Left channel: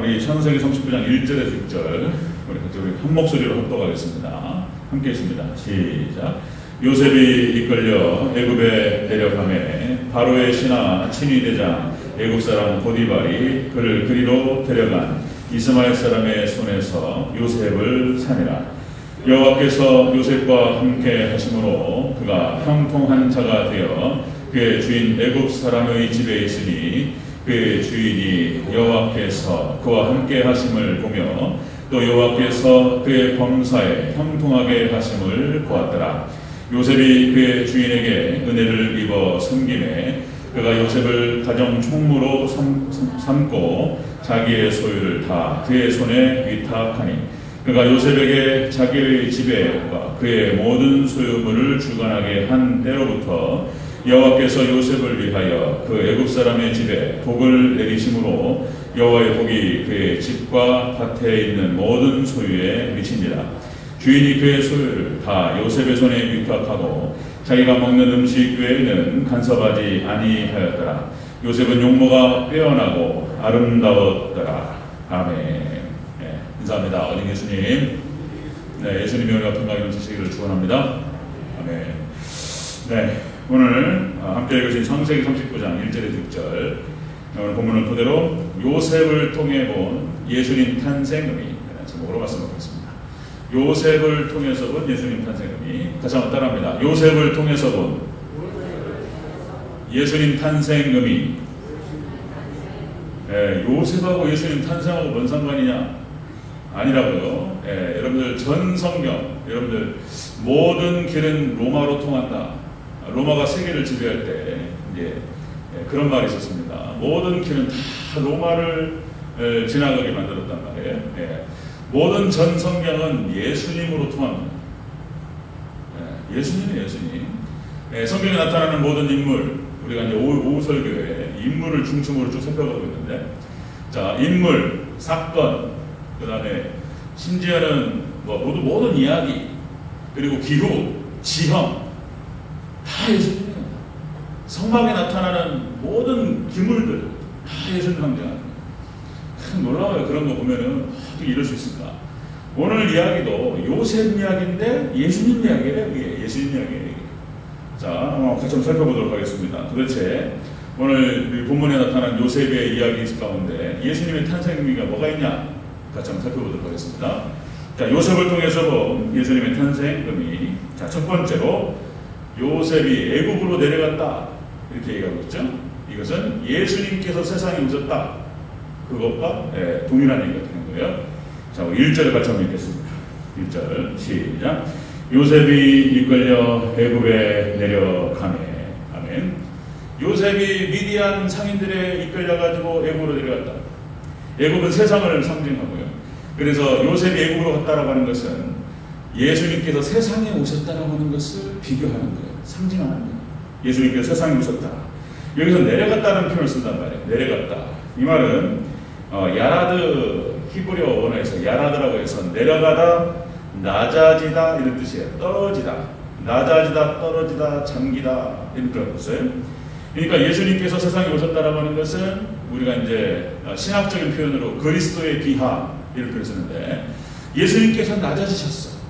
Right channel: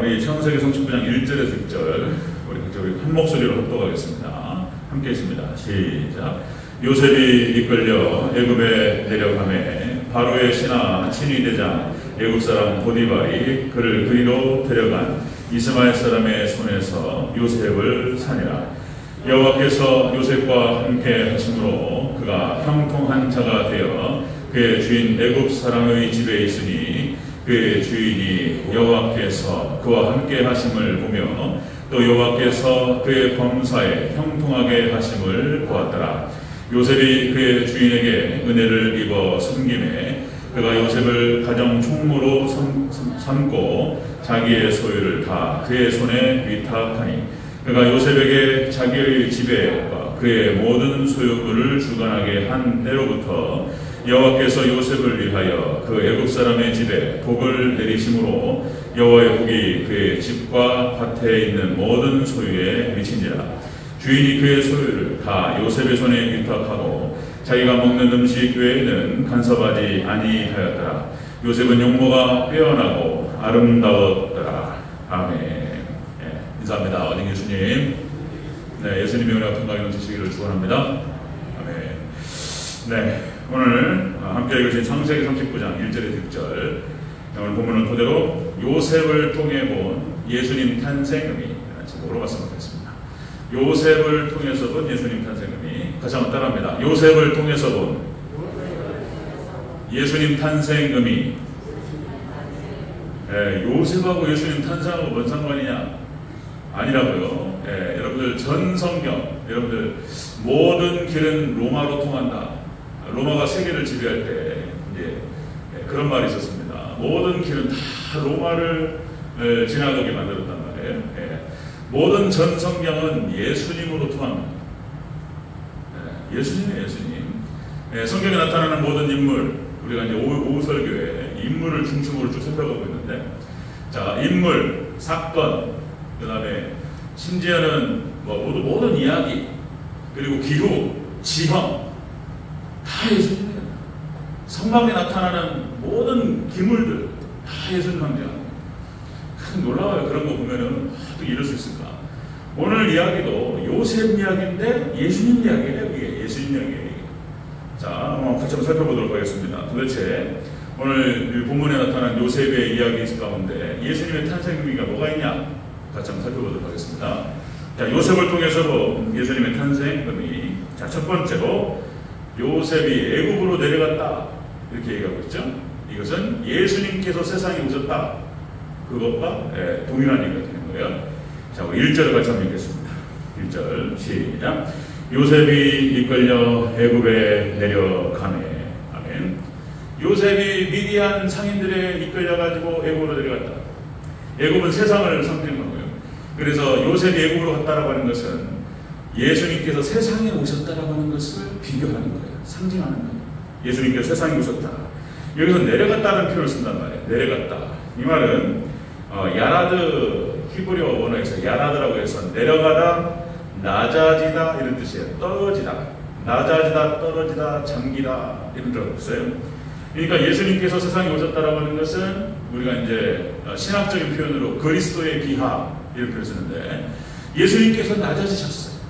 우리 창세기 39장 1절에서 6절 우리 한 목소리로 합독하겠습니다. 함께 있습니다. 시작. 요셉이 이끌려 애굽에 데려가매 바로의 신하 친위대장 애굽 사람 보디발이 그를 그리로 데려간 이스마엘 사람의 손에서 요셉을 사니라. 여호와께서 요셉과 함께 하심으로 그가 형통한 자가 되어 그의 주인 애굽 사람의 집에 있으니 그의 주인이 여호와께서 그와 함께 하심을 보며 또 여호와께서 그의 범사에 형통하게 하심을 보았더라. 요셉이 그의 주인에게 은혜를 입어 섬김에 그가 요셉을 가정 총무로 삼고 자기의 소유를 다 그의 손에 위탁하니 그가 요셉에게 자기의 집에 그의 모든 소유물을 주관하게 한 때로부터 여호와께서 요셉을 위하여 그 애굽 사람의 집에 복을 내리심으로 여호와의 복이 그의 집과 밭에 있는 모든 소유에 미치니라. 주인이 그의 소유를 다 요셉의 손에 위탁하고 자기가 먹는 음식 외에는 간섭하지 아니하였더라. 요셉은 용모가 빼어나고 아름다웠더라. 아멘. 인사합니다. 어린 예수님. 네, 예수님의 은혜와 평강이 넘치시기를 축원합니다. 아멘. 네, 오늘 함께 읽으신 창세기 39장 1절에서 6절 오늘 본문은 그대로 요셉을 통해 본 예수님 탄생 의미 제목으로 말씀드리겠습니다. 요셉을 통해서 본 예수님 탄생 의미 다시 한번 따라합니다. 요셉을 통해서 본 예수님 탄생 의미. 요셉하고 예수님 탄생하고 뭔 상관이냐? 아니라고요. 여러분들 전 성경, 여러분들 모든 길은 로마로 통한다. 로마가 세계를 지배할 때 이제 그런 말이 있었습니다. 모든 길은 다 로마를 지나가게 만들었단 말이에요. 모든 전 성경은 예수님으로 통합니다. 예수님이 예수님. 성경에 나타나는 모든 인물, 우리가 이제 오후 설교에 인물을 중심으로 쭉 살펴가고 있는데, 자, 인물, 사건, 그 다음에 심지어는 모든 이야기, 그리고 기후, 지형, 다 예수님입니다. 성막에 나타나는 모든 기물들 다 예수님 관계합니다. 놀라워요. 그런 거 보면은 어떻게 이럴 수 있을까? 오늘 이야기도 요셉 이야기인데 예수님 이야기래요. 이게 예수님 이야기예요. 자, 한번 같이 살펴보도록 하겠습니다. 도대체 오늘 본문에 나타난 요셉의 이야기 가운데 예수님의 탄생 의미가 뭐가 있냐? 같이 한번 살펴보도록 하겠습니다. 자, 요셉을 통해서 예수님의 탄생 의미. 자, 첫 번째로 요셉이 애굽으로 내려갔다 이렇게 얘기하고 있죠. 이것은 예수님께서 세상에 오셨다 그것과 동일한 얘기가 되는 거예요. 자, 1절을 같이 한번 읽겠습니다. 1절 시작. 요셉이 이끌려 애굽에 내려가매. 아멘. 요셉이 미디안 상인들에 이끌려가지고 애굽으로 내려갔다. 애굽은 세상을 상징하는 거예요. 그래서 요셉이 애굽으로 갔다라고 하는 것은 예수님께서 세상에 오셨다라고 하는 것을 비교하는 거예요. 상징하는 거예요. 예수님께서 세상에 오셨다. 여기서 내려갔다는 표현을 쓴단 말이에요. 내려갔다. 이 말은 야라드 히브리어 언어에서 야라드라고 해서 내려가다, 낮아지다 이런 뜻이에요. 떨어지다, 낮아지다, 떨어지다, 잠기다 이런 뜻을 썼어요. 그러니까 예수님께서 세상에 오셨다라고 하는 것은 우리가 이제 신학적인 표현으로 그리스도의 비하 이런 표현을 쓰는데 예수님께서 낮아지셨어요.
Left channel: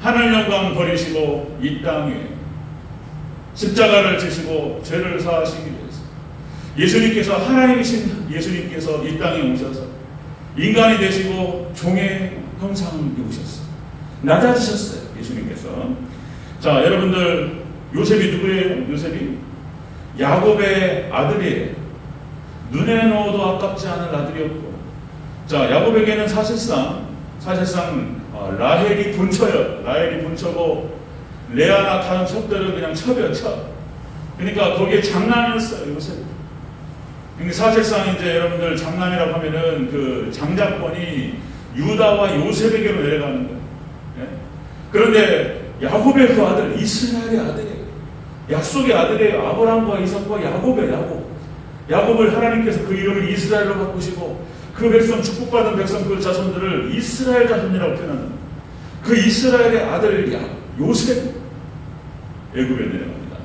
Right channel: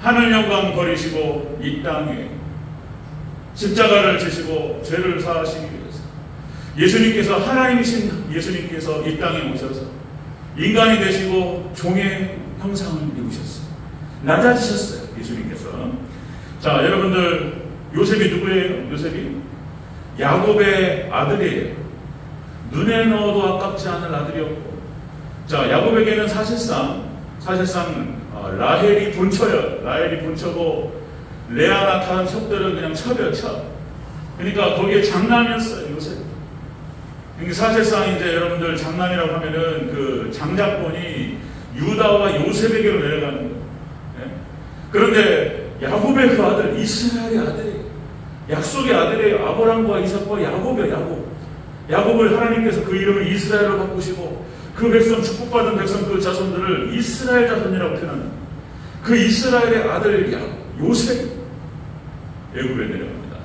하늘 영광 버리시고 이 땅에 십자가를 지시고 죄를 사하시기 위해서 예수님께서 하나님이신 예수님께서 이 땅에 오셔서 인간이 되시고 종의 형상을 입으셨어요. 낮아지셨어요. 예수님께서. 자, 여러분들 요셉이 누구예요? 요셉이 야곱의 아들이에요. 눈에 넣어도 아깝지 않은 아들이었고, 자, 야곱에게는 사실상 라헬이 분처예요. 라헬이 분처고 레아나 다른 첩들은 그냥 첩이에요. 첩. 그러니까 거기에 장남이었어요. 요셉. 그러니까 사실상 이제 여러분들 장남이라고 하면은 그 장자권이 유다와 요셉에게로 내려가는 거예요. 그런데 야곱의 그 아들, 이스라엘의 아들이에요. 약속의 아들이에요. 아브라함과 이삭과 야곱이에요. 야곱을 하나님께서 그 이름을 이스라엘로 바꾸시고 그 백성, 축복받은 백성 그 자손들을 이스라엘 자손이라고 표현합니다. 그 이스라엘의 아들 요셉 애굽에 내려갑니다.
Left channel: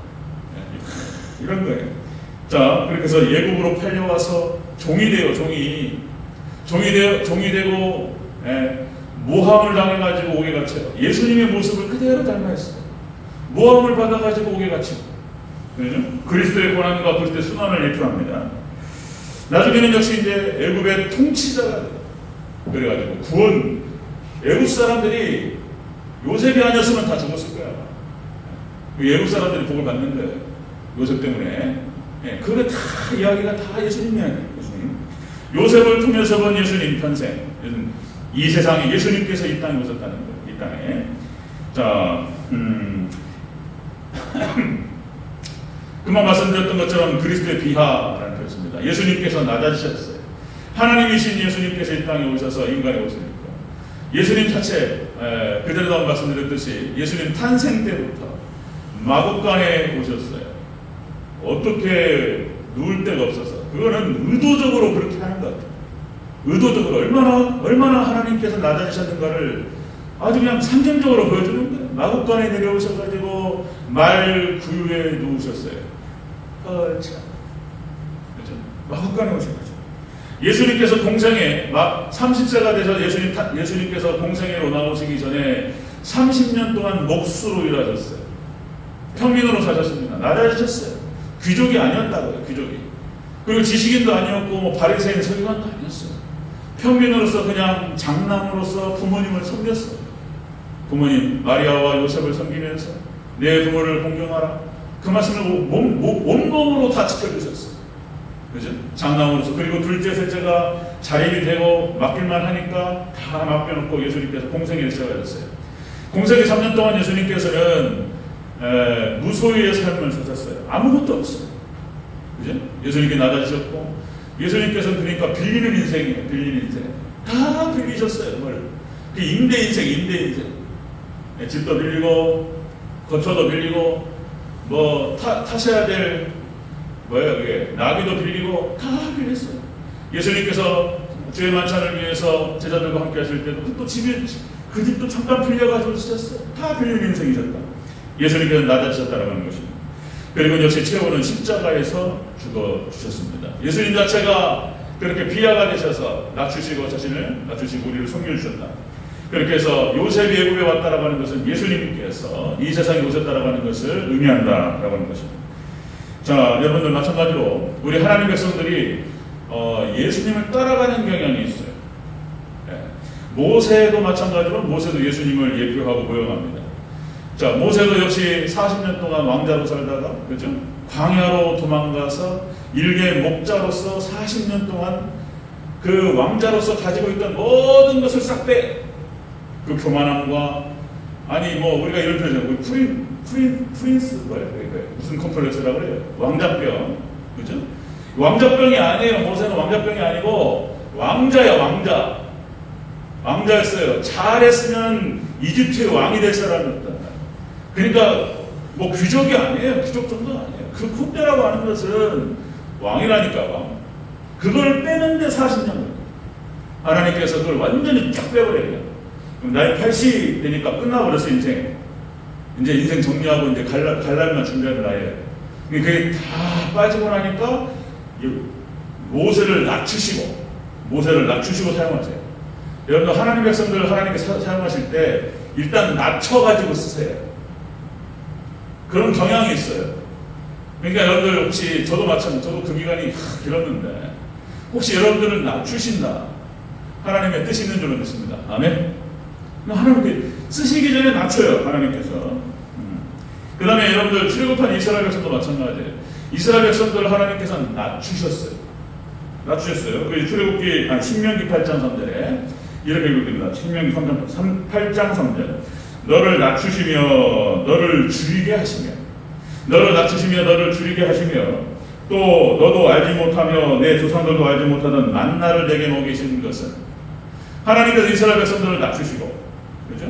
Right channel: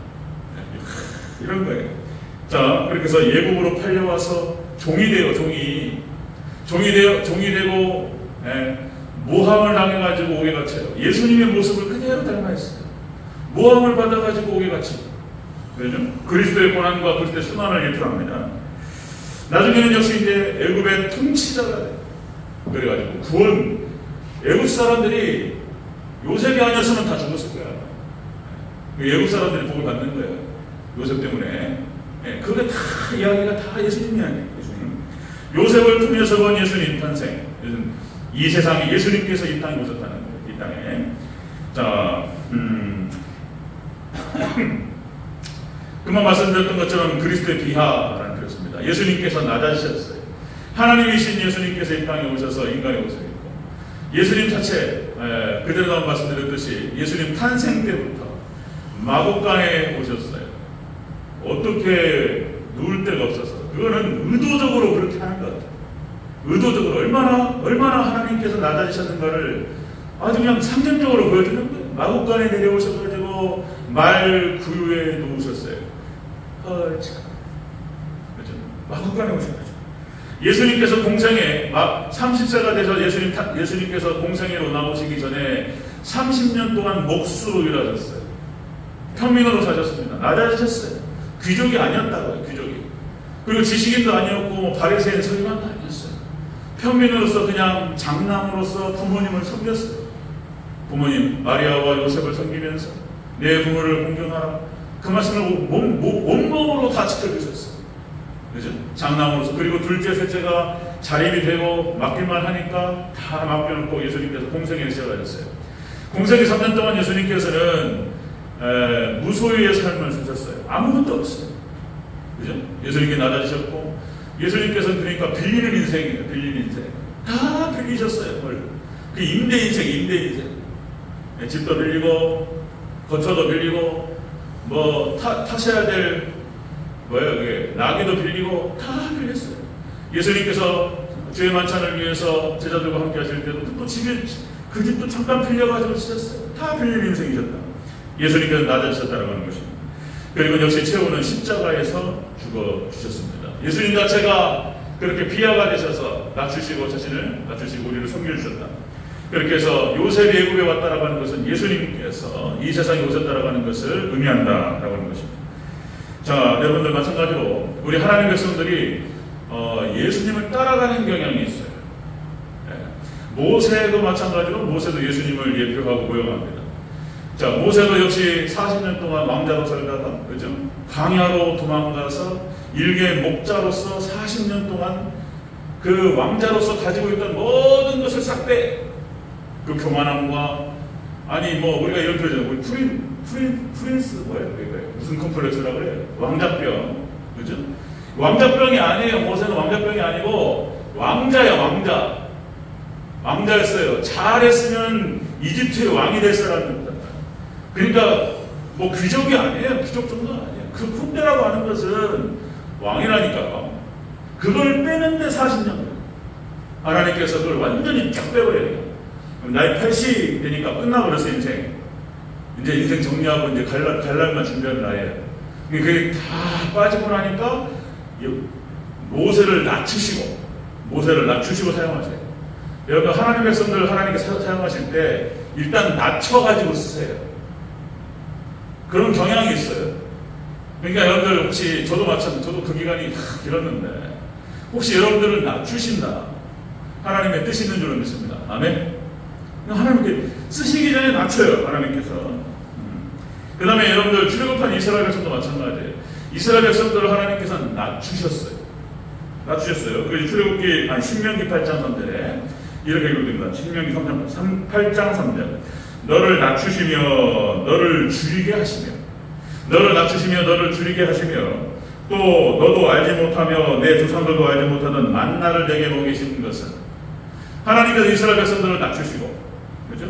이런 거예요. 자, 그렇게 해서 애굽으로 팔려와서 종이 돼요. 종이. 종이 되고 모함을 당해가지고 옥에 갇혀요. 예수님의 모습을 그대로 닮아했어요. 모함을 받아가지고 옥에 갇히고, 그리스도의 고난과 그리스도의 순환을 일표합니다. 나중에는 역시 이제 애굽의 통치자가 돼요. 그래가지고 구원, 애굽 사람들이 요셉이 아니었으면 다 죽었을 거야. 애굽 사람들이 복을 받는 거예요. 요셉 때문에. 그게 다 이야기가 다 예수님이 아니에요. 예수님. 요셉을 통해서 본 예수님 탄생. 이 세상에 예수님께서 이 땅에 오셨다는 거예요. 이 땅에. 자, 그만 말씀드렸던 것처럼 그리스도의 비하라는 것입니다. 예수님께서 낮아지셨어요. 하나님이신 예수님께서 이 땅에 오셔서 인간의 옷을 입고, 예수님 자체 그대로 말씀드렸듯이 예수님 탄생 때부터 마곡간에 오셨어요. 어떻게 누울 데가 없어서. 그거는 의도적으로 그렇게 하는 것 같아요. 의도적으로 얼마나 하나님께서 낮아지셨는가를 아주 그냥 상징적으로 보여주는 거예요. 마곡간에 내려오셔가지고 말 구유에 누우셨어요. 그렇죠. 마곡간에 오셔가지고 예수님께서 공생에 막 30세가 되셔 예수님께서 공생에 나오시기 전에 30년 동안 목수로 일하셨어요. 평민으로 사셨습니다. 낮아지셨어요. 귀족이 아니었다고요. 귀족이. 그리고 지식인도 아니었고 뭐 바리새인 서기관도 아니었어요. 평민으로서 그냥 장남으로서 부모님을 섬겼어요. 부모님 마리아와 요셉을 섬기면서 내 부모를 공경하라. 그 말씀을 온몸으로 다 지켜주셨어요. 그죠? 장남으로서. 그리고 둘째, 셋째가 자립이 되고 맡길만 하니까 다 맡겨놓고 예수님께서 공생에 시작하셨어요. 공생에 3년 동안 예수님께서는 무소유의 삶을 사셨어요. 아무것도 없어요. 그죠? 예수님께 낮아지셨고, 예수님께서는 그러니까 빌리는 인생이에요. 빌리는 인생. 다 빌리셨어요. 뭘. 그 임대 인생. 집도 빌리고, 거처도 빌리고, 뭐, 타셔야 될, 그게, 나귀도 빌리고, 다 빌렸어요. 예수님께서 주의 만찬을 위해서 제자들과 함께 하실 때도 또 집에, 그 집도 잠깐 빌려가지고 쓰셨어요. 다 빌리는 인생이셨다. 예수님께서 낮아지셨다는 것입니다. 그리고 역시 최후는 십자가에서 죽어주셨습니다. 예수님 자체가 그렇게 비하가 되셔서 낮추시고 자신을 낮추시고 우리를 섬겨주셨다. 그렇게 해서 요셉이 애굽에 왔다라고 하는 것은 예수님께서 이 세상에 오셨다라고 하는 것을 의미한다라고 하는 것입니다. 자, 여러분들 마찬가지로 우리 하나님 백성들이 예수님을 따라가는 경향이 있어요. 모세도 마찬가지로 모세도 예수님을 예표하고 모형합니다. 자, 모세도 역시 40년 동안 왕자로 살다가, 그죠? 광야로 도망가서 일개 목자로서 40년 동안 그 왕자로서 가지고 있던 모든 것을 싹 빼. 그 교만함과, 아니, 뭐, 우리가 이런 표현이죠. 프린스, 무슨 컴플렉스라고 그래요? 왕자병. 그죠? 왕자병이 아니에요. 모세는 왕자병이 아니고, 왕자야, 왕자. 왕자였어요. 잘했으면 이집트의 왕이 될 사람이었다. 그러니까 뭐 귀족이 아니에요. 귀족 정도가 아니에요. 그 쿵대라고 하는 것은 왕이라니까요. 그걸 빼는데 40년 걸려요. 하나님께서 그걸 완전히 쫙 빼버려요. 나이 80 되니까 끝나버렸어, 인생. 이제 인생 정리하고 이제 갈라면 준비하는 나이에요. 그게 다 빠지고 나니까 모세를 낮추시고 사용하세요. 여러분, 하나님의 백성들을 하나님께서 사용하실 때 일단 낮춰가지고 쓰세요. 그런 경향이 있어요. 그러니까 여러분들 혹시 저도 그 기간이 길었는데 혹시 여러분들을 낮추신다. 하나님의 뜻이 있는 줄로 믿습니다. 아멘. 하나님께 쓰시기 전에 낮춰요. 하나님께서. 그 다음에 여러분들 출애굽한 이스라엘 백성도 마찬가지예요. 이스라엘 백성들을 하나님께서 낮추셨어요. 그래서 출애굽기 신명기 8장 3절에 이렇게 읽어드립니다. 신명기 8장 3절. 너를 낮추시며 너를 줄이게 하시며 또 너도 알지 못하며 내 조상들도 알지 못하던 만나를 내게 먹이시는 것은, 하나님께서 이스라엘 백성들을 낮추시고, 그죠?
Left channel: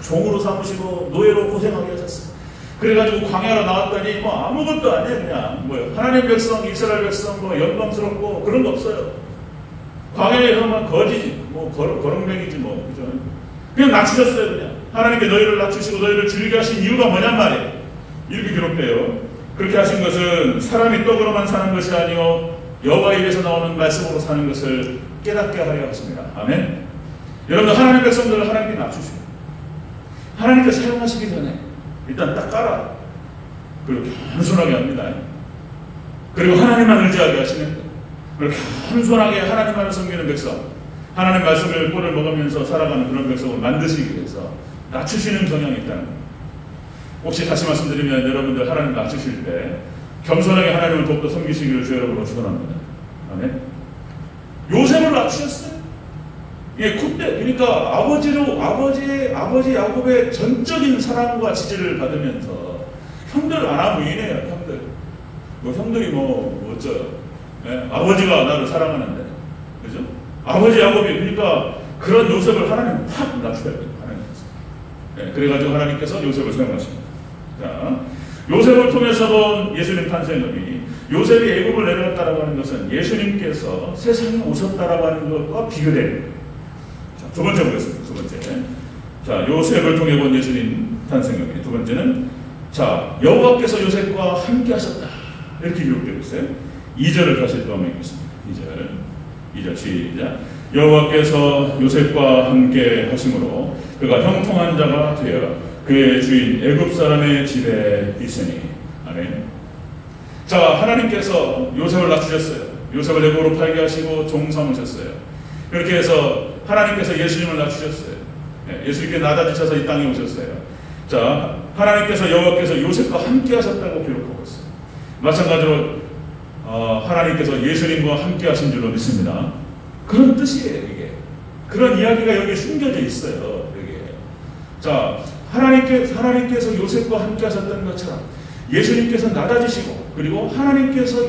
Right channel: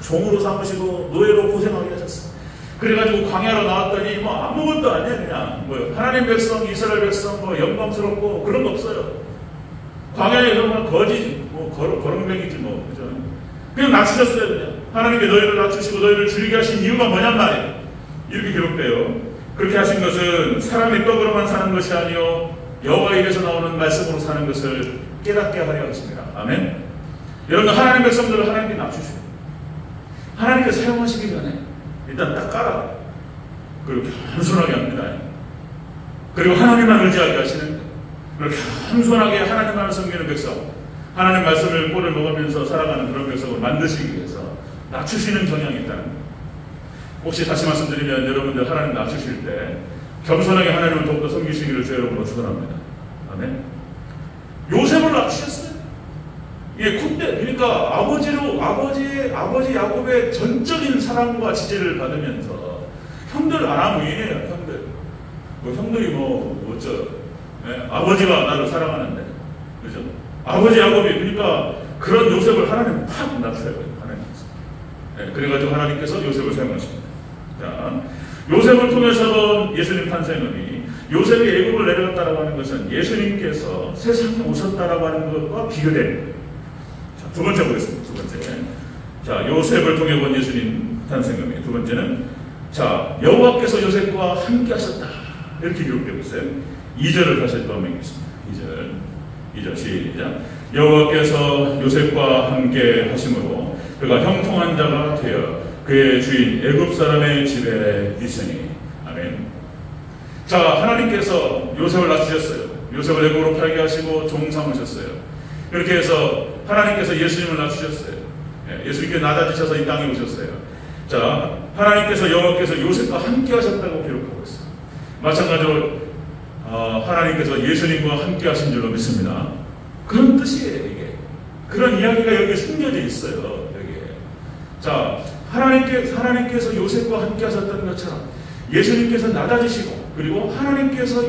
종으로 삼으시고 노예로 고생하게 하셨어요. 그래가지고 광야로 나왔더니 뭐 아무것도 아니에요. 그냥 뭐요? 하나님 백성, 이스라엘 백성 뭐 영광스럽고 그런 거 없어요. 광야에 가면 거지지, 뭐 거렁뱅이지 뭐, 그죠? 그냥 낮추셨어요. 그냥 하나님께 너희를 낮추시고 너희를 줄이게 하신 이유가 뭐냔 말이에요. 이렇게 기록돼요. 그렇게 하신 것은 사람이 떡으로만 사는 것이 아니요 여호와 입에서 나오는 말씀으로 사는 것을 깨닫게 하려 하십니다. 아멘. 여러분들 하나님의 백성들을 하나님께 낮추세요. 하나님께 사용하시기 전에 일단 딱 깔아. 그리고 겸손하게 합니다. 그리고 하나님만 의지하게 하시는, 그리고 겸손하게 하나님만을 섬기는 백성, 하나님 말씀을 꼴을 먹으면서 살아가는 그런 백성을 만드시기 위해서 낮추시는 경향이 있다는 거예요. 혹시 다시 말씀드리면 여러분들 하나님 낮추실 때 겸손하게 하나님을 돕고 섬기시기를 주 여러분으로 축원합니다. 아멘. 요셉을 낮추셨어요. 이게 콧대, 그러니까 아버지 야곱의 전적인 사랑과 지지를 받으면서 형들 아나무인이에요. 형들이 어쩌? 아버지가 나를 사랑하는데, 그죠? 아버지 야곱이, 그러니까 그런 요셉을 하나님 팍 낮춰야 돼요. 하나님께서. 그래가지고 하나님께서 요셉을 사용하십니다. 자, 요셉을 통해서도 예수님 탄생이, 요셉이 애굽을 내려갔다고 하는 것은 예수님께서 세상에 오셨다라고 하는 것과 비교돼요. 자, 두 번째 보겠습니다. 두 번째. 자, 요셉을 통해 본 예수님 탄생이. 두 번째는, 자, 여호와께서 요셉과 함께 하셨다. 이렇게 기록되고 있어요. 2절을 다시 또 한번 읽겠습니다. 2절 시작. 여호와께서 요셉과 함께 하심으로 그가 형통한 자가 되어 그의 주인 애굽 사람의 집에 있으니. 아멘. 자, 하나님께서 요셉을 낮추셨어요. 요셉을 애굽으로 팔게 하시고 종 삼으셨어요. 그렇게 해서 하나님께서 예수님을 낮추셨어요. 예수님께 낮아지셔서 이 땅에 오셨어요. 자, 하나님께서 여호와께서 요셉과 함께 하셨다고 기록하고 있어요. 마찬가지로 하나님께서 예수님과 함께 하신 줄로 믿습니다. 그런 뜻이에요. 이게 그런 이야기가 여기에 숨겨져 있어요. 여기에. 자, 하나님께서 요셉과 함께 하셨다는 것처럼 예수님께서 낮아지시고, 그리고 하나님께서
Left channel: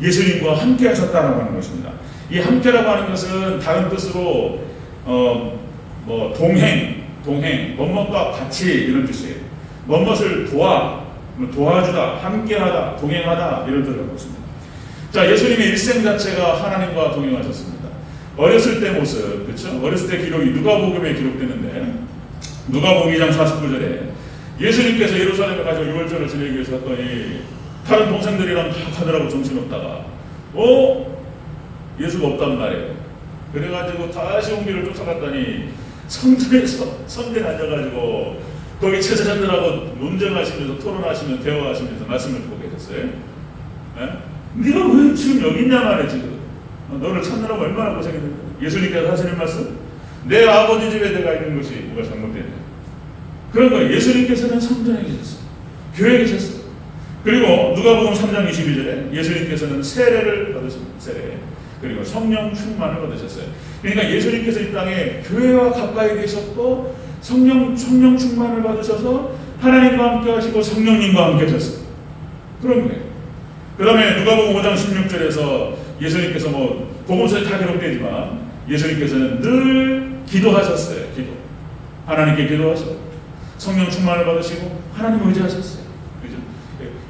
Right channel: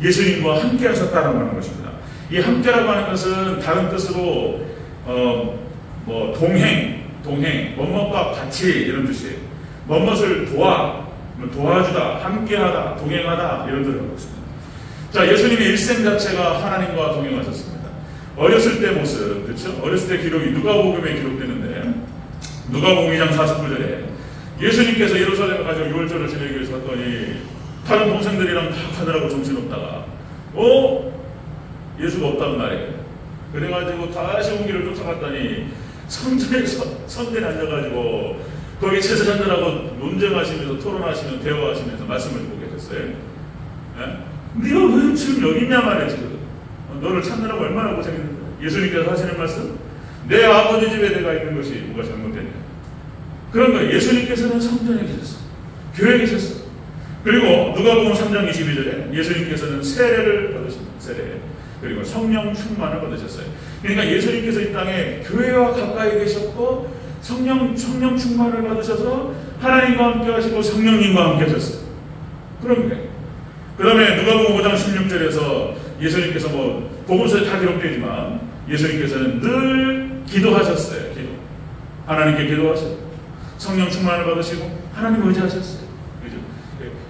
예수님과 함께 하셨다라고 하는 것입니다. 이 함께라고 하는 것은 다른 뜻으로 동행, 뭐뭐과 같이 이런 뜻이에요. 뭐뭇을 도와주다, 함께하다, 동행하다 이런 뜻을 갖고 있습니다. 자, 예수님의 일생 자체가 하나님과 동행하셨습니다. 어렸을 때 모습, 그렇죠? 어렸을 때 기록이 누가복음에 기록되는데, 누가복음 2장 49절에 예수님께서 예루살렘에 가서 유월절을 지내기 위해서 갔더니 다른 동생들이랑 다 하느라고 정신없다가 예수가 없다는 말이에요. 그래가지고 다시 온 길을 쫓아갔더니 성전에 앉아가지고 거기 제사장들하고 논쟁하시면서 토론하시면서 대화하시면서 말씀을 듣고 계셨어요. 네가 왜 지금 여기 있냐 말이야. 지금 너를 찾느라고 얼마나 고생했는데. 예수님께서 하시는 말씀, 내 아버지 집에 내가 있는 것이 뭐가 잘못됐냐. 그런 거예요. 예수님께서는 성전에 계셨어요. 교회에 계셨어요. 그리고 누가복음 3장 22절에 예수님께서는 세례를 받으십니다. 세례. 그리고 성령 충만을 받으셨어요. 그러니까 예수님께서 이 땅에 교회와 가까이 계셨고 성령 충만을 받으셔서 하나님과 함께 하시고 성령님과 함께 하셨어요. 그런 거예요. 그 다음에 누가복음 5장 16절에서 예수님께서 복음서에 다 기록되지만 예수님께서는 늘 기도하셨어요. 하나님께 기도하셨고 성령 충만을 받으시고 하나님을 의지하셨어요. 그죠?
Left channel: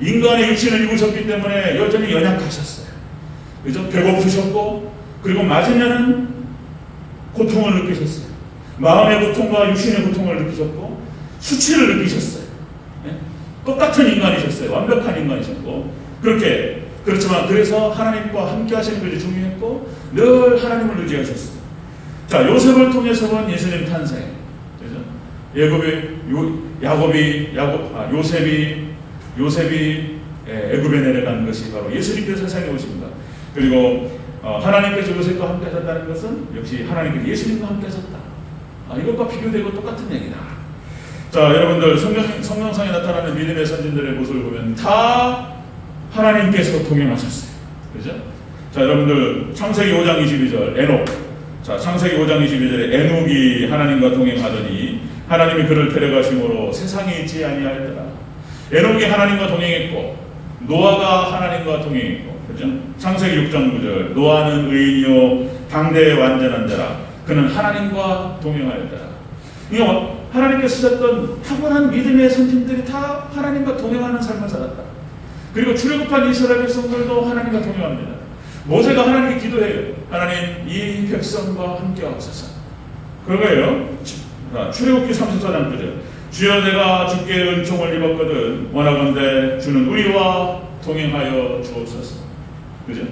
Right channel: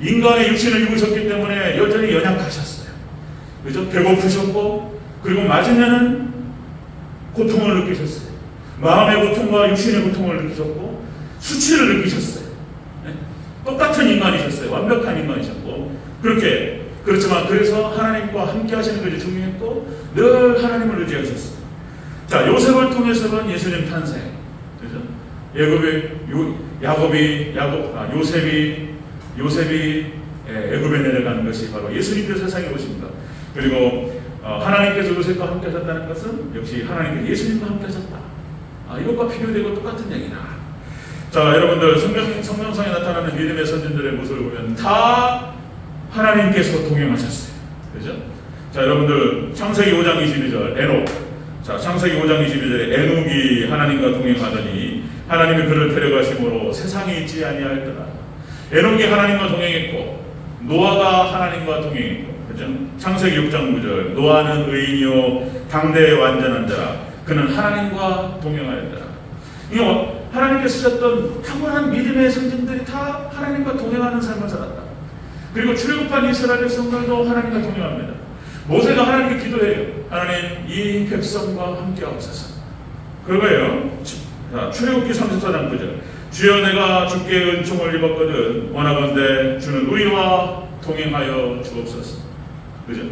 인간의 육신을 입으셨기 때문에 여전히 연약하셨어요. 그죠? 배고프셨고, 그리고 맞으면은 고통을 느끼셨어요. 마음의 고통과 육신의 고통을 느끼셨고, 수치를 느끼셨어요. 네? 똑같은 인간이셨어요. 완벽한 인간이셨고, 그렇지만 그래서 하나님과 함께 하시는 것이 중요했고, 늘 하나님을 의지하셨어요. 자, 요셉을 통해서는 예수님 탄생. 그죠? 요셉이 애굽에 내려간 것이 바로 예수님께서 세상에 오십니다. 그리고 하나님께서 요셉과 함께 하셨다는 것은 역시 하나님께서 예수님과 함께 하셨다. 이것과 비교되고 똑같은 얘기다. 자, 여러분들 성경상에 나타나는 믿음의 선진들의 모습을 보면 다 하나님께서 동행하셨어요. 그죠? 자, 여러분들 창세기 5장 22절 에녹. 자, 창세기 5장 22절에 에녹이 하나님과 동행하더니 하나님이 그를 데려가심으로 세상에 있지 아니하였더라. 에녹이 하나님과 동행했고 노아가 하나님과 동행했고, 그죠? 창세기 6장 9절 노아는 의인이요 당대의 완전한 자라 그는 하나님과 동행하였더라. 이거 하나님께서 쓰셨던 탁월한 믿음의 선진들이 다 하나님과 동행하는 삶을 살았다. 그리고 출애굽한 이스라엘 백성들도 하나님과 동행합니다. 모세가 하나님께 기도해요. 하나님, 이 백성과 함께하옵소서. 그거예요. 출애굽기 34장 9절 주여 내가 주께 은총을 입었거든 원하건대 주는 우리와 동행하여 주옵소서. 그죠?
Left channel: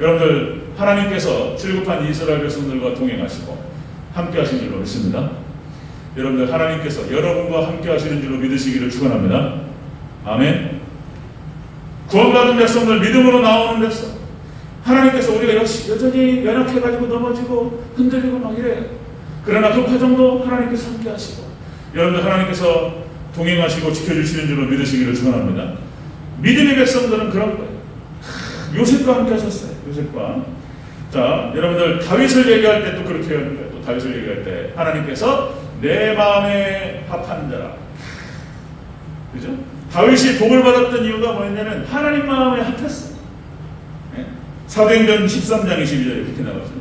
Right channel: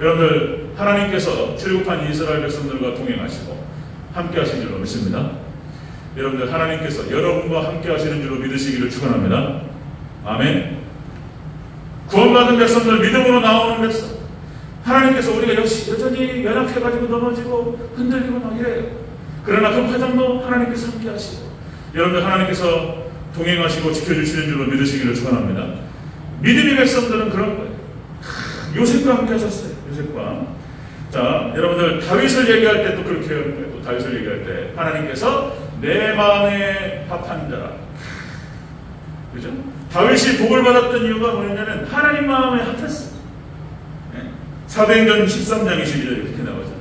여러분들 하나님께서 출국한 이스라엘 백성들과 동행하시고 함께 하신 줄로 믿습니다. 여러분들 하나님께서 여러분과 함께 하시는 줄로 믿으시기를 축원합니다. 아멘. 구원받은 백성들, 믿음으로 나오는 백성, 하나님께서 우리가 여전히 연약해가지고 넘어지고 흔들리고 막 이래요. 그러나 그 과정도 하나님께서 함께 하시고 여러분들 하나님께서 동행하시고 지켜주시는 줄로 믿으시기를 축원합니다. 믿음의 백성들은 그런 거예요. 요셉과 함께 하셨어요. 요셉과. 자, 여러분들 다윗을 얘기할 때 또 그렇게 하는 거예요. 또 다윗을 얘기할 때 하나님께서 내 마음에 합한 자라. 그죠? 다윗이 복을 받았던 이유가 뭐였냐면 하나님 마음에 합했어. 사도행전 13장 22절에 이렇게 나와서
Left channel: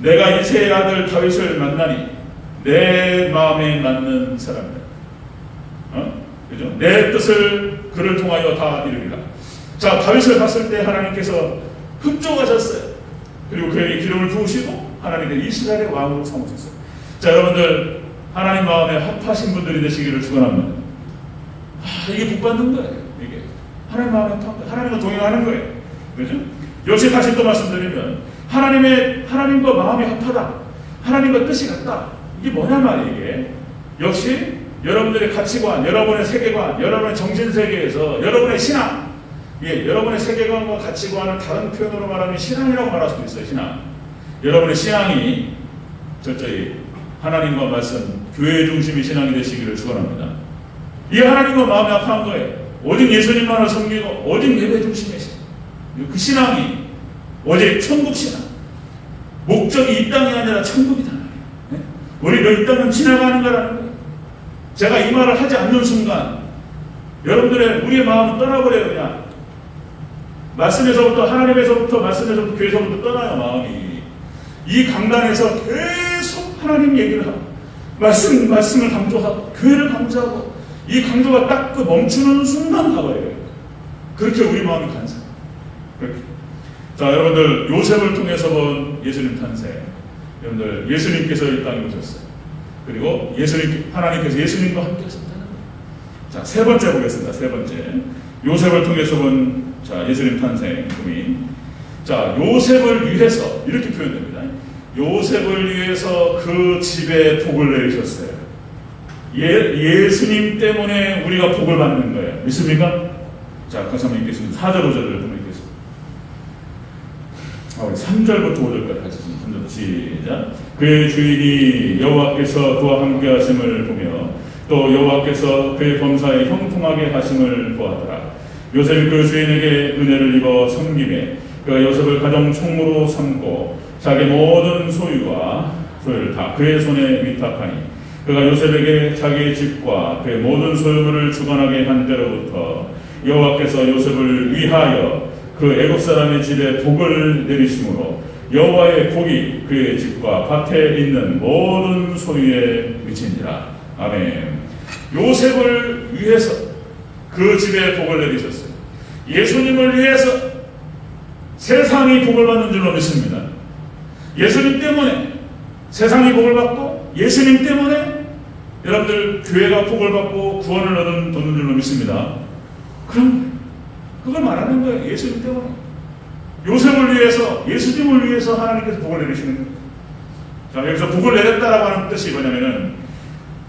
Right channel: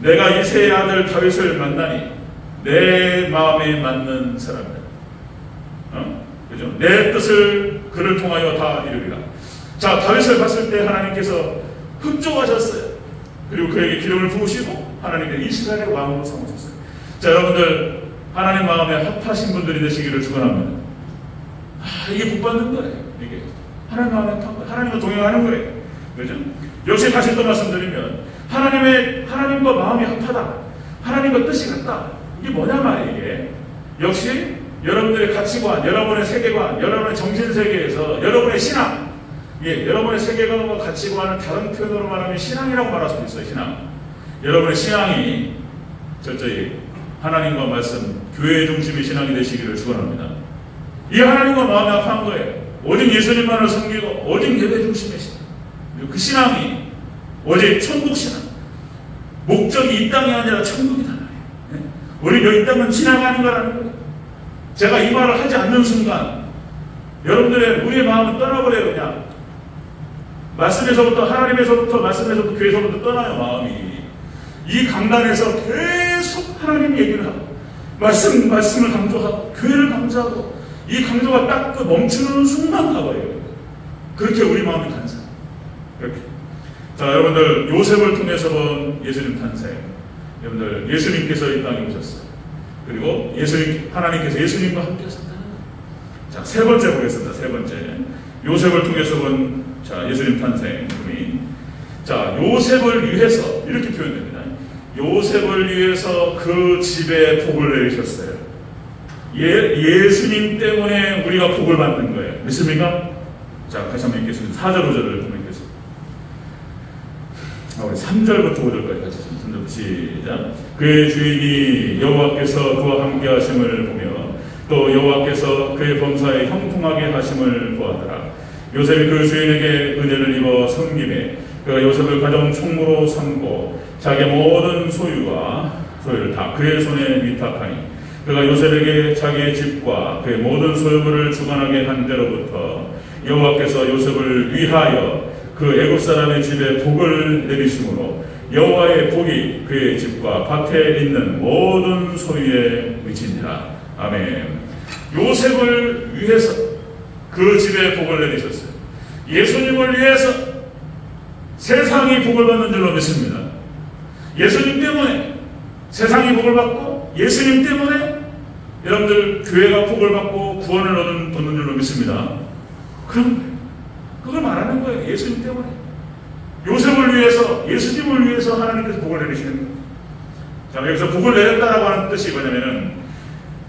내가 이새의 아들 다윗을 만나니 내 마음에 맞는 사람이다. 그죠? 내 뜻을 그를 통하여 다 이루리라. 자, 다윗을 봤을 때 하나님께서 흡족하셨어요. 그리고 그에게 기름을 부으시고 하나님께서 이스라엘의 왕으로 삼으셨어요. 자, 여러분들 하나님 마음에 합하신 분들이 되시기를 축원합니다. 이게 복 받는 거예요. 이게 하나님 마음에 합한 거예요. 하나님과 동행하는 거예요. 그죠? 역시 다시 또 말씀드리면 하나님과 마음이 합하다. 하나님과 뜻이 같다. 이게 뭐냐 말이에요. 이게 역시 여러분들의 가치관, 여러분의 세계관, 여러분의 정신세계에서 여러분의 신앙, 여러분의 세계관과 가치관을 다른 표현으로 말하면 신앙이라고 말할 수 있어요. 신앙. 여러분의 신앙이 철저히 하나님과 말씀, 교회 중심의 신앙이 되시기를 축원합니다. 이 하나님과 마음이 합한 거예요. 오직 예수님만을 섬기고 오직 예배 중심의 신앙. 그 신앙이 오직 천국 신앙. 목적이 이 땅이 아니라 천국이다. 우리가 이 땅은 지나가는 거라는 거예요. 제가 이 말을 하지 않는 순간 여러분들의 우리의 마음은 떠나버려요. 그냥 말씀에서부터 하나님에서부터 말씀에서부터 교회에서부터 떠나요. 마음이 이 강단에서 계속 하나님 얘기를 하고 말씀을 강조하고 교회를 강조하고 이 강조가 딱 그 멈추는 순간 가버려요. 그렇게 우리 마음이 탄생. 그렇게. 자, 여러분들 요셉을 통해서 본 예수님 탄생. 여러분들 예수님께서 이 땅에 오셨어요. 그리고 하나님께서 예수님과 함께 하셨다는 거예요. 자, 세 번째 보겠습니다. 세 번째. 요셉을 통해서 본 예수님 탄생. 자, 요셉을 위해서 이렇게 표현됩니다. 요셉을 위해서 그 집에 복을 내리셨어요. 예수님 때문에 우리가 복을 받는 거예요. 믿습니까? 자, 다시 한번 읽겠습니다. 4절 5절을 읽겠습니다. 우리 3절부터 5절까지 같이 시작. 그의 주인이 여호와께서 그와 함께 하심을 보며 또 여호와께서 그의 범사에 형통하게 하심을 보았더라. 요셉이 그 주인에게 은혜를 입어 섬김에 그가 요셉을 가정 총무로 삼고 자기 모든 소유를 다 그의 손에 위탁하니 그가 요셉에게 자기의 집과 그의 모든 소유물을 주관하게 한 때로부터 여호와께서 요셉을 위하여 그 애국 사람의 집에 복을 내리심으로 여호와의 복이 그의 집과 밭에 있는 모든 소유에 미치니라. 아멘. 요셉을 위해서 그 집에 복을 내리셨어요. 예수님을 위해서 세상이 복을 받는 줄로 믿습니다. 예수님 때문에 세상이 복을 받고 예수님 때문에 여러분들 교회가 복을 받고 구원을 얻는 줄로 믿습니다. 그럼 그걸 말하는 거예요. 예수님 때문에. 요셉을 위해서, 예수님을 위해서 하나님께서 복을 내리시는 거예요. 자, 여기서 복을 내렸다라고 하는 뜻이 뭐냐면은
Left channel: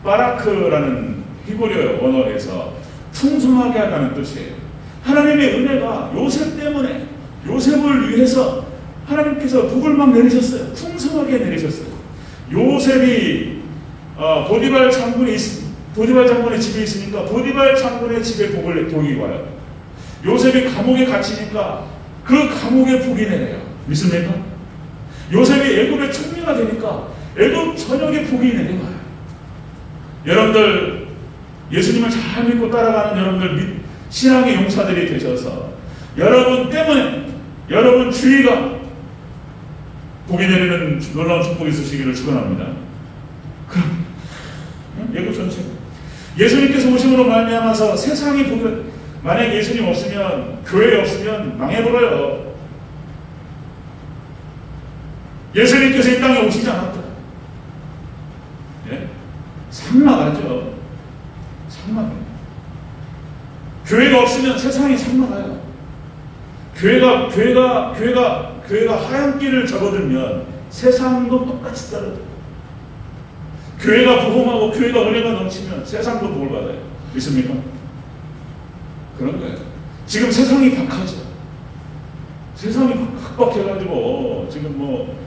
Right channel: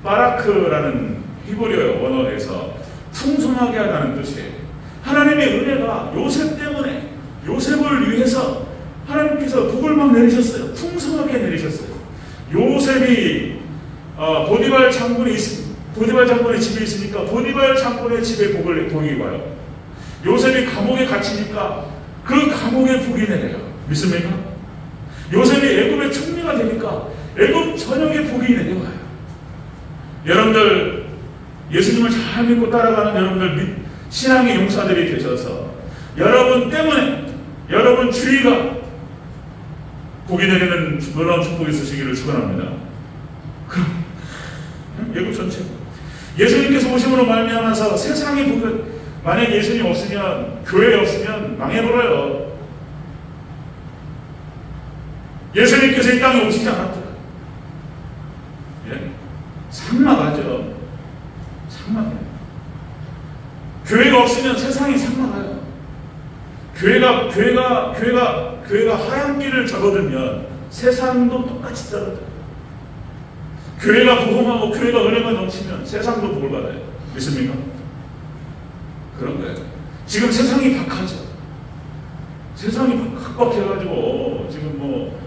바라크라는 히브리어 언어에서 풍성하게 하다는 뜻이에요. 하나님의 은혜가 요셉 때문에 요셉을 위해서 하나님께서 복을 막 내리셨어요. 풍성하게 내리셨어요. 요셉이 보디발 장군의 집에 있으니까 보디발 장군의 집에 복이 와요. 요셉이 감옥에 갇히니까 그 감옥에 복이 내려요. 믿습니까? 요셉이 애굽의 총리가 되니까 애굽 전역에 복이 내려와요. 여러분들 예수님을 잘 믿고 따라가는 여러분들 신앙의 용사들이 되셔서 여러분 때문에 여러분 주위가 복이 내리는 놀라운 축복이 있으시기를 축원합니다. 그럼 애굽 전체가 예수님께서 오심으로 말미암아서 세상이 복을 만약 예수님 없으면 교회 없으면 망해버려요. 예수님께서 이 땅에 오시지 않았더라. 예? 삭막하죠. 삭막해요. 교회가 없으면 세상이 삭막해요. 교회가 교회가 하얀길을 접어들면 세상도 똑같이 떨어져요. 교회가 복음하고 교회가 은혜가 넘치면 세상도 복을 받아요. 믿습니까? 그런 거예요. 지금 세상이 박하죠. 세상이 박박해가지고 지금 뭐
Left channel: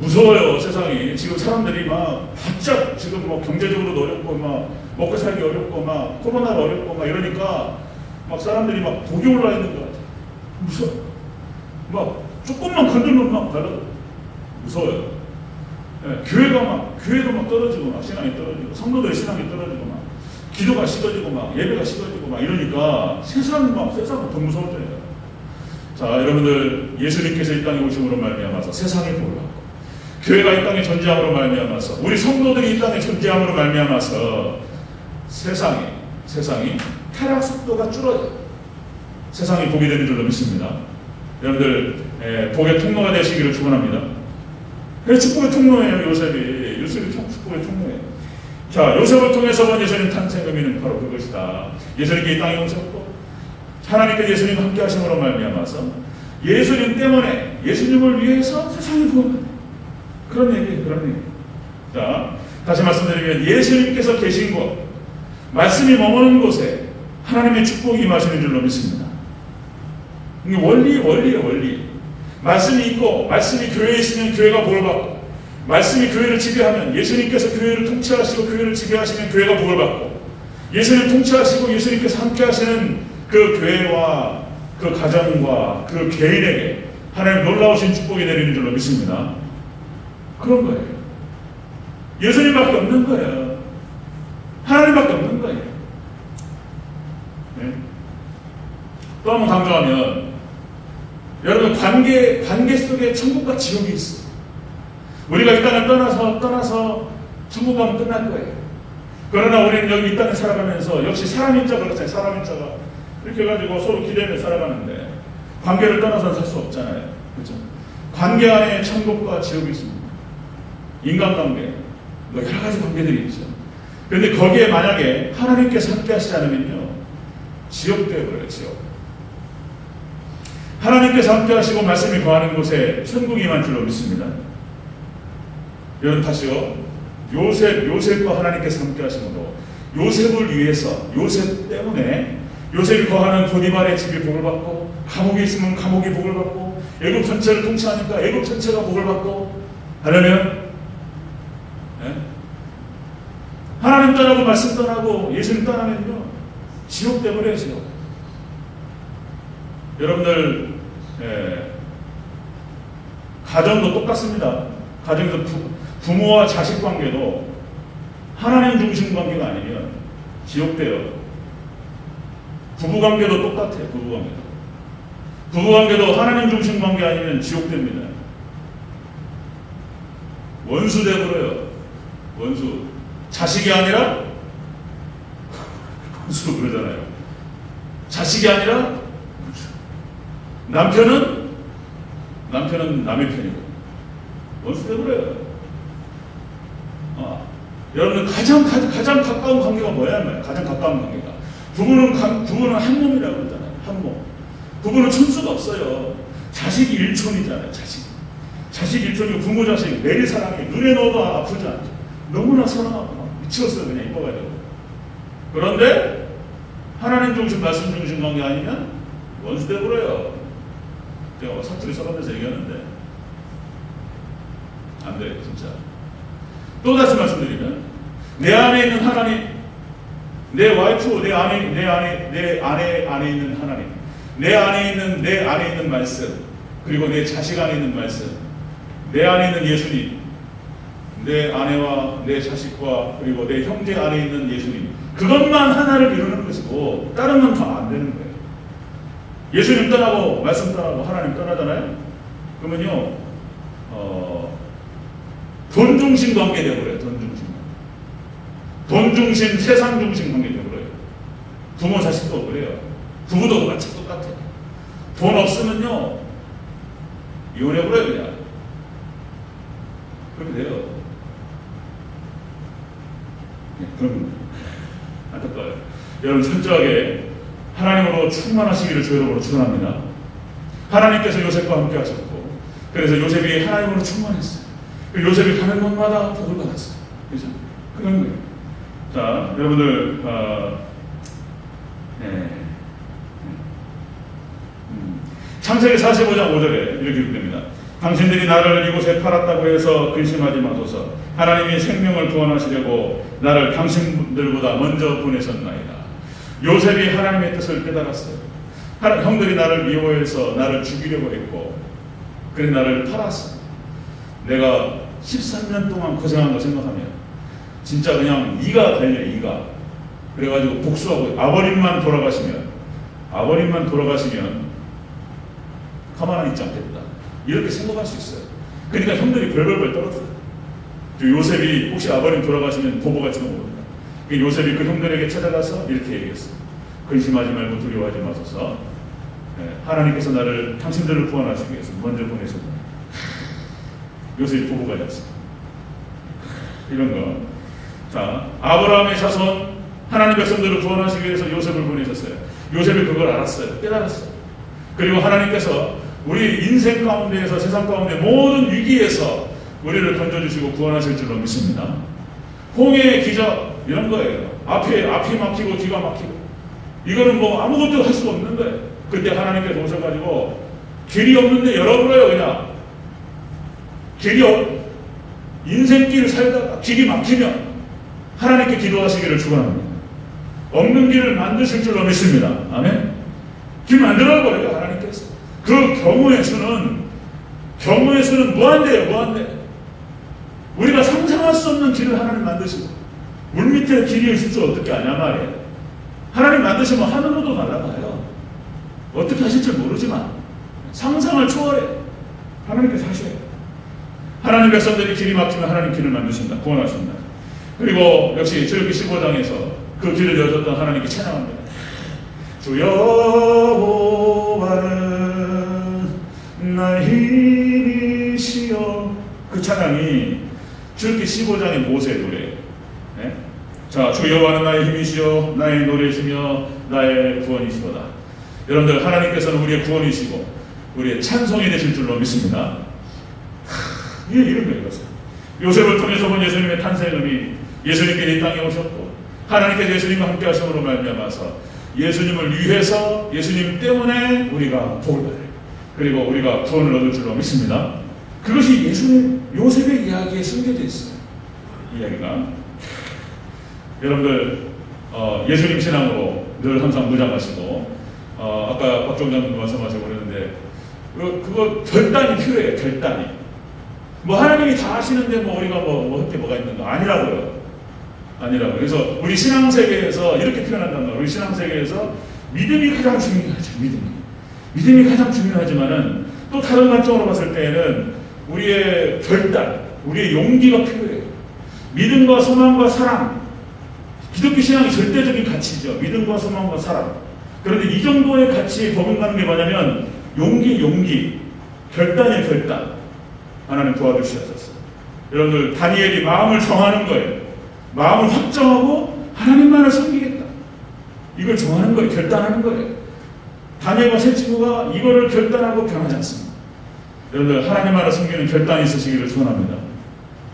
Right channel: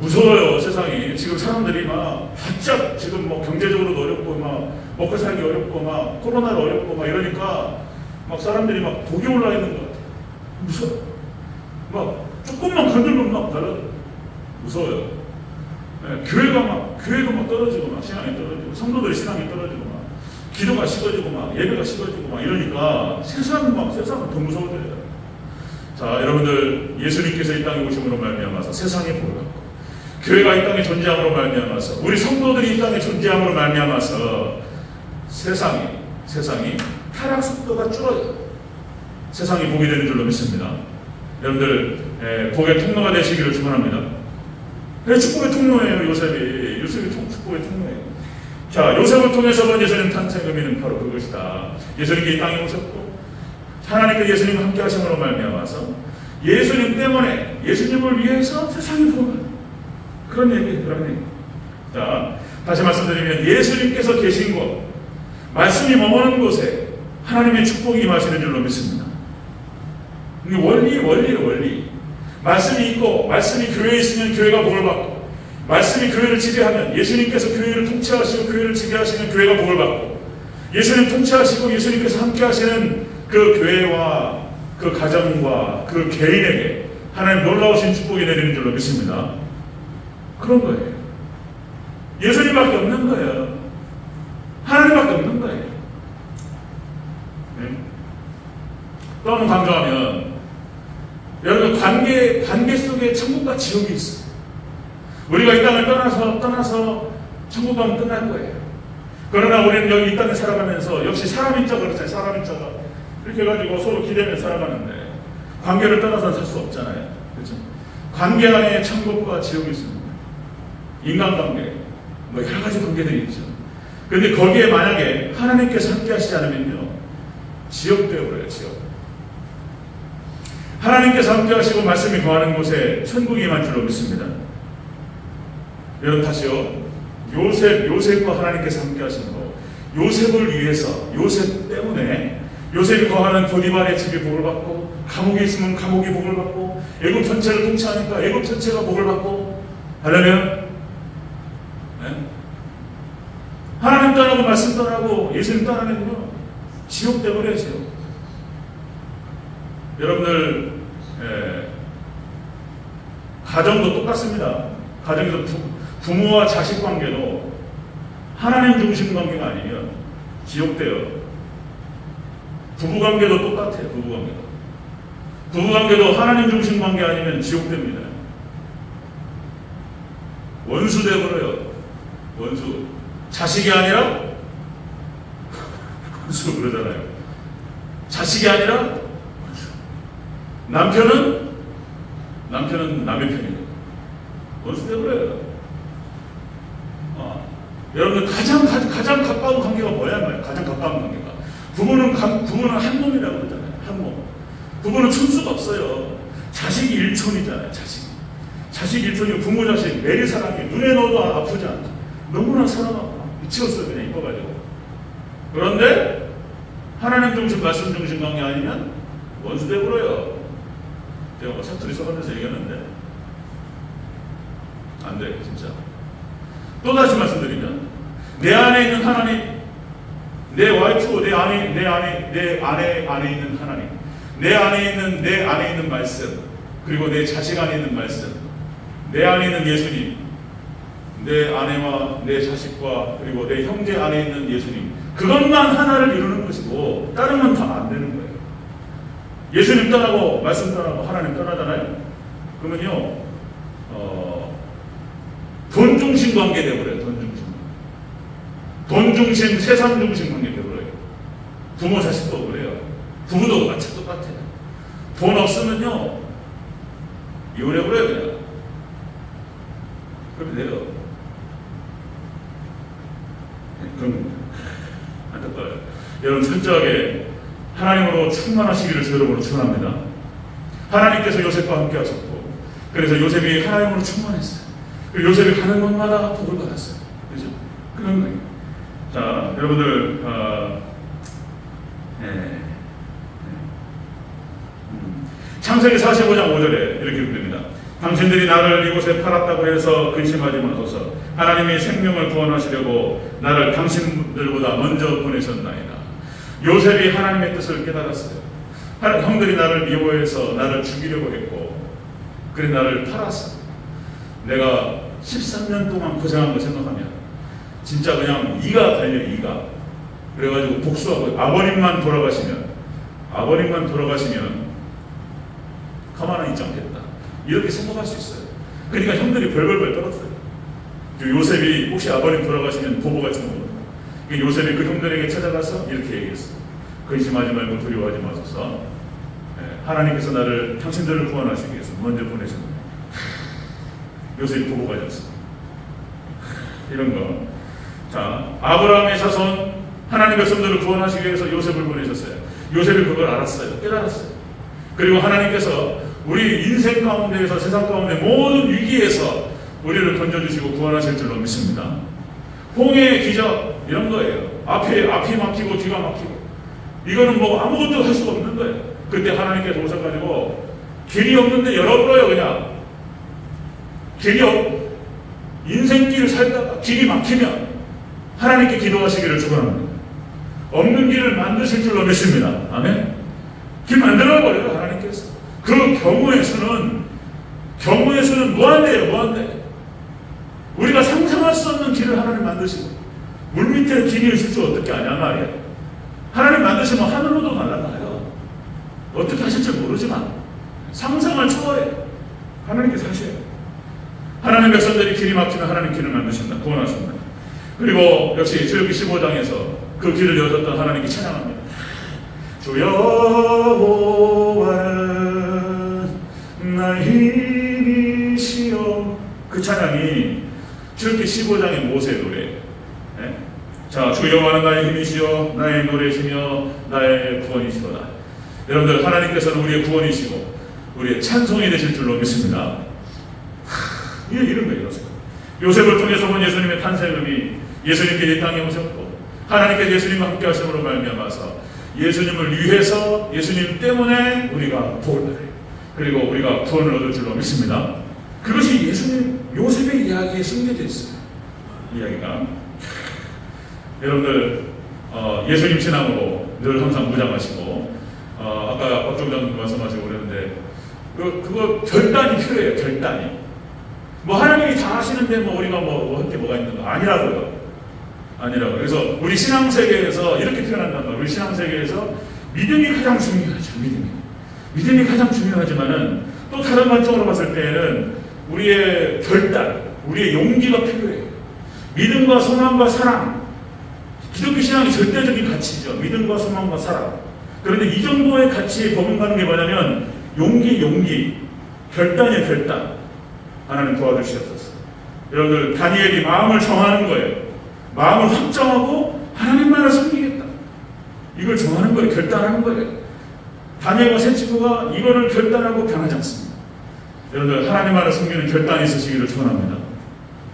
무서워요. 세상이 지금 사람들이 막 바짝 지금 뭐 경제적으로도 어렵고 막 먹고 살기 어렵고 막 코로나가 어렵고 막 이러니까 막 사람들이 막 독이 올라 있는 것 같아요. 무서워. 막 조금만 건들면 막 달라져. 무서워요. 네, 교회도 막 떨어지고 막 신앙이 떨어지고 성도들의 신앙이 떨어지고 막 기도가 식어지고 막 예배가 식어지고 막 이러니까 세상은 더 무서워져요. 자, 여러분들 예수님께서 이 땅에 오심으로 말미암아서 세상이 복을 받고 교회가 이 땅에 존재함으로 말미암아서 우리 성도들이 이 땅에 존재함으로 말미암아서 세상이 타락 속도가 줄어요. 세상이 복이 되는 줄로 믿습니다. 여러분들 복의 통로가 되시기를 축원합니다. 축복의 통로예요. 요셉이 축복의 통로예요. 자, 요셉을 통해서 본 예수님 탄생 의미는 바로 그것이다. 예수님이 이 땅에 오셨고 하나님께 예수님과 함께 하심으로 말미암아서 예수님 때문에 예수님을 위해서 세상이 복을 그런 얘기. 자, 다시 말씀드리면 예수님께서 계신 곳, 말씀이 머무는 곳에 하나님의 축복이 임하시는 줄로 믿습니다. 원리. 말씀이 있고 말씀이 교회에 있으면 교회가 복을 받고 말씀이 교회를 지배하면 예수님께서 교회를 통치하시고 교회를 지배하시면 교회가 복을 받고 예수님 통치하시고 예수님께서 함께 하시는 그 교회와 그 가정과 그 개인에게 하나님 놀라우신 축복이 내리는 줄로 믿습니다. 그런 거예요. 예수님밖에 없는 거예요. 하나님밖에 없는 거예요. 네? 또 한번 강조하면 여러분 관계 속에 천국과 지옥이 있어요. 우리가 이 땅을 떠나서 천국 가면 끝날 거예요. 그러나 우리는 여기 이 땅에 살아가면서 역시 사람인 척 그렇잖아요. 사람인 척 이렇게 해가지고 서로 기대면 살아가는데 관계를 떠나서 살 수 없잖아요. 그렇죠? 관계 안에 천국과 지옥이 있습니다. 인간관계, 뭐 여러 가지 관계들이 있죠. 그런데 거기에 만약에 하나님께서 함께 하시지 않으면요, 지옥 되어버려요. 지옥. 하나님께서 함께 하시고 말씀이 거하는 곳에 천국이 임한 줄로 믿습니다. 여러분 다시요. 요셉과 하나님께서 함께 하시는 것. 요셉을 위해서, 요셉 때문에 요셉이 거하는 보디발의 집이 복을 받고 감옥에 있으면 감옥이 복을 받고 애굽 전체를 통치하니까 애굽 전체가 복을 받고 할렐루야. 네? 하나님 떠나고 말씀 떠나고 예수님 떠나면요 지옥 되어버려요. 지옥. 여러분들 가정도 똑같습니다. 가정에서 부모와 자식 관계도 하나님 중심 관계가 아니면 지옥돼요. 부부관계도 똑같아요. 부부관계도 하나님 중심 관계 아니면 지옥됩니다. 원수 되버려요. 원수. 자식이 아니라 원수 그러잖아요. 자식이 아니라 원수. 남편은 남의 편이고 원수 되버려요. 여러분들 가장 가까운 관계가 뭐야? 가장 가까운 관계가 부부는 한 몸이라고 그러잖아요. 한 몸. 부부는 천수가 없어요. 자식이 일촌이잖아요. 자식 일촌이고 부모 자식 매일 사랑해. 눈에 넣어도 아프지 않죠. 너무나 사랑하고 미치겠어요. 그냥 이뻐가지고. 그런데 하나님 중심 말씀 중심 관계 아니면 원수 되버려요. 제가 사투리 써가면서 얘기하는데 안 돼요. 진짜. 또 다시 말씀드리면 내 안에 있는 하나님, 내 와이프, 내 아내 안에 있는 하나님, 내 안에 있는 말씀, 그리고 내 자식 안에 있는 말씀, 내 안에 있는 예수님, 내 아내와 내 자식과 그리고 내 형제 안에 있는 예수님, 그것만 하나를 이루는 것이고 다른 건 다 안 되는 거예요. 예수님 떠나고 말씀 떠나고 하나님 떠나잖아요. 그러면요 돈 중심 관계 되어버려요. 돈 중심, 세상 중심 관계 되어버려요. 부모 자식도 그래요. 부부도 마치 똑같아요. 돈 없으면요 이혼해버려요. 그냥 그렇게 돼요. 네, 그럼 안타까워요. 여러분 철저하게 하나님으로 충만하시기를 주 여러분으로 축원합니다. 하나님께서 요셉과 함께 하셨고 그래서 요셉이 하나님으로 충만했어요. 그리고 요셉이 가는 곳마다 복을 받았어요. 그죠? 그런 거예요. 자, 여러분들, 창세기 45장 5절에 이렇게 기록됩니다. 당신들이 나를 이곳에 팔았다고 해서 근심하지 마소서. 하나님이 생명을 구원하시려고 나를 당신들보다 먼저 보내셨나이다. 요셉이 하나님의 뜻을 깨달았어요. 형들이 나를 미워해서 나를 죽이려고 했고, 그래 나를 팔았어. 내가 13년 동안 고생한 거 생각하면 진짜 그냥 이가 달려, 이가. 그래가지고 복수하고 아버님만 돌아가시면 가만히 있지 않겠다, 이렇게 생각할 수 있어요. 그러니까 형들이 벌벌벌 떨었어요. 요셉이 혹시 아버님 돌아가시면 보복할 정도로. 요셉이 그 형들에게 찾아가서 이렇게 얘기했어요. 근심하지 말고 두려워하지 마소서. 하나님께서 나를 당신들을 구원하시기 위해서 먼저 보내셨다. 요셉이 보복하지 않습니다. 이런 거. 자, 아브라함의 자손, 하나님의 백성들을 구원하시기 위해서 요셉을 보내셨어요. 요셉이 그걸 알았어요. 깨달았어요. 그리고 하나님께서 우리 인생 가운데에서, 세상 가운데 모든 위기에서 우리를 건져주시고 구원하실 줄로 믿습니다. 홍해의 기적, 이런 거예요. 앞이 막히고 뒤가 막히고, 이거는 뭐 아무것도 할 수가 없는 거예요. 그때 하나님께 도서가지고 길이 없는데 열어버려요. 그냥 인생길 살다가 길이 막히면 하나님께 기도하시기를 축원합니다. 없는 길을 만드실 줄로 믿습니다. 아멘. 길 만들어버려요, 하나님께서. 그 경우의 수는 무한대예요. 우리가 상상할 수 없는 길을 하나님 만드시고, 물 밑에 길이 있을 줄 어떻게 아냐 말이에요. 하나님 만드시면 하늘로도 날아가요. 어떻게 하실 줄 모르지만 상상을 초월해 하나님께서 하셔요. 하나님 백성들이 길이 막히면 하나님 길을 만드신다, 구원하신다. 그리고 역시 출애굽기 15장에서 그 길을 여셨던 하나님께 찬양합니다. 주 여호와는 나의 힘이시여. 그 찬양이 출애굽기 15장의 모세의 노래예요. 네? 자, 주 여호와는 나의 힘이시여, 나의 노래시며 나의 구원이시로다. 여러분들, 하나님께서는 우리의 구원이시고 우리의 찬송이 되실 줄로 믿습니다. 이런 거예요. 요셉을 통해서 본 예수님의 탄생음이 예수님께 이 땅에 오셨고, 하나님께서 예수님과 함께 하심으로 말미암아서 예수님을 위해서, 예수님 때문에 우리가 복을 받아요. 그리고 우리가 구원을 얻을 줄로 믿습니다. 그것이 요셉의 이야기에 숨겨져 있어요. 이야기가. 여러분들, 예수님 신앙으로 늘 항상 무장하시고, 아까 박종장도 말씀하시고 그랬는데, 그거 결단이 필요해요. 결단이. 뭐 하나님이 다 하시는데 우리가 할 게 뭐가 있는 거 아니라고요. 그래서 우리 신앙세계에서 이렇게 표현한단 말이에요. 우리 신앙세계에서 믿음이 가장 중요하죠. 믿음이 가장 중요하지만은 또 다른 관점으로 봤을 때는 우리의 결단, 우리의 용기가 필요해요. 믿음과 소망과 사랑. 기독교 신앙이 절대적인 가치죠. 믿음과 소망과 사랑. 그런데 이 정도의 가치에 버금가는 게 뭐냐면 용기, 결단이에요. 결단. 하나님 도와주시옵소서. 여러분들, 다니엘이 마음을 정하는 거예요. 마음을 확정하고 하나님만을 섬기겠다, 이걸 정하는 거예요. 결단하는 거예요. 다니엘과 세 친구가 이거를 결단하고 변하지 않습니다. 여러분들, 하나님만을 섬기는 결단이 있으시기를 축원합니다.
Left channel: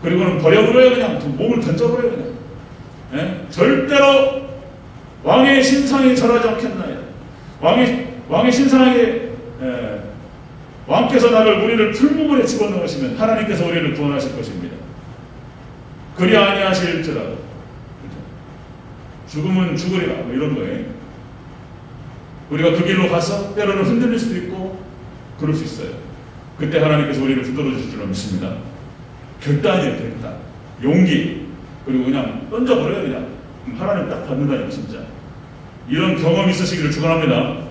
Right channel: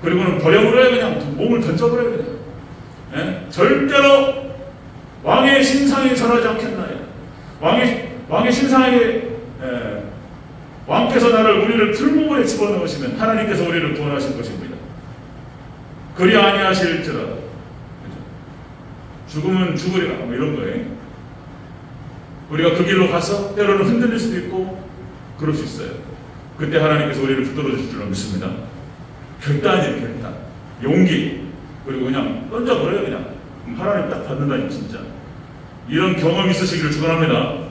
그리고는 버려버려요. 그냥 몸을 던져버려요. 그냥. 예? 절대로 왕의 신상에 절하지 않겠나요? 왕의 신상에 왕께서 우리를 풀무불에 집어넣으시면 하나님께서 우리를 구원하실 것입니다. 그리 아니하실지라. 죽으면 죽으리라, 이런 거예요. 우리가 그 길로 가서 때로는 흔들릴 수도 있고 그럴 수 있어요. 그때 하나님께서 우리를 붙들어 주실 줄 믿습니다. 결단이에요. 결단. 용기. 그리고 그냥 던져버려요. 그냥 하나님 딱 받는다니. 진짜 이런 경험이 있으시기를 축원합니다.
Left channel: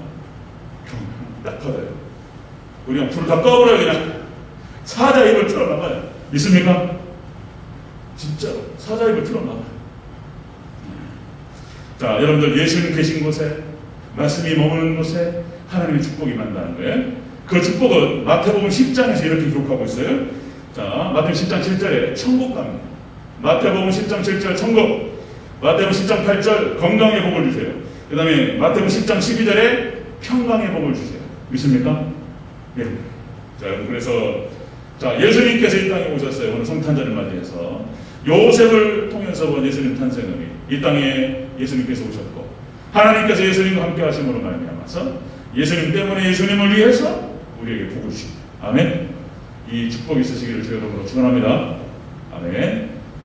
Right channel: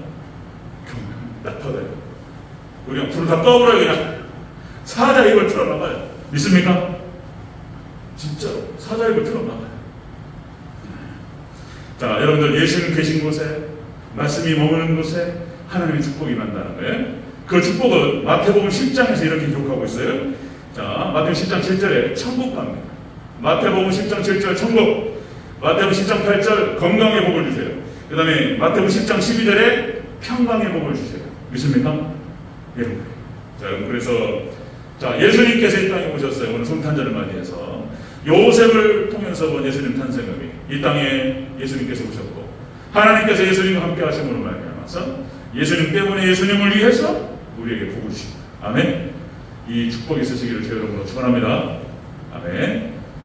딱 받아요. 그냥 불을 다 꺼버려요. 그냥 사자 입을 틀어놔봐요. 믿습니까? 진짜 사자 입을 틀어놔봐요. 자, 여러분들, 예수님 계신 곳에, 말씀이 머무는 곳에 하나님의 축복이 만나는 거예요. 그 축복은 마태복음 10장에서 이렇게 기록하고 있어요. 자, 마태복음 10장 7절에 천국 갑니다. 마태복음 10장 7절 천국, 마태복음 10장 8절 건강의 복을 주세요. 그 다음에 마태복음 10장 12절에 평강의 복을 주세요. 믿습니까? 예. 자, 그래서 자, 예수님께서 이 땅에 오셨어요. 오늘 성탄절을 맞이해서 요셉을 통해서 본 예수님 탄생을 이 땅에 예수님께서 오셨고 하나님께서 예수님과 함께 하심으로 말미암아서 예수님 때문에 예수님을 위해서 우리에게 복을 주십니다. 아멘. 이 축복이 있으시기를 주 여러분으로 축원합니다. 아멘.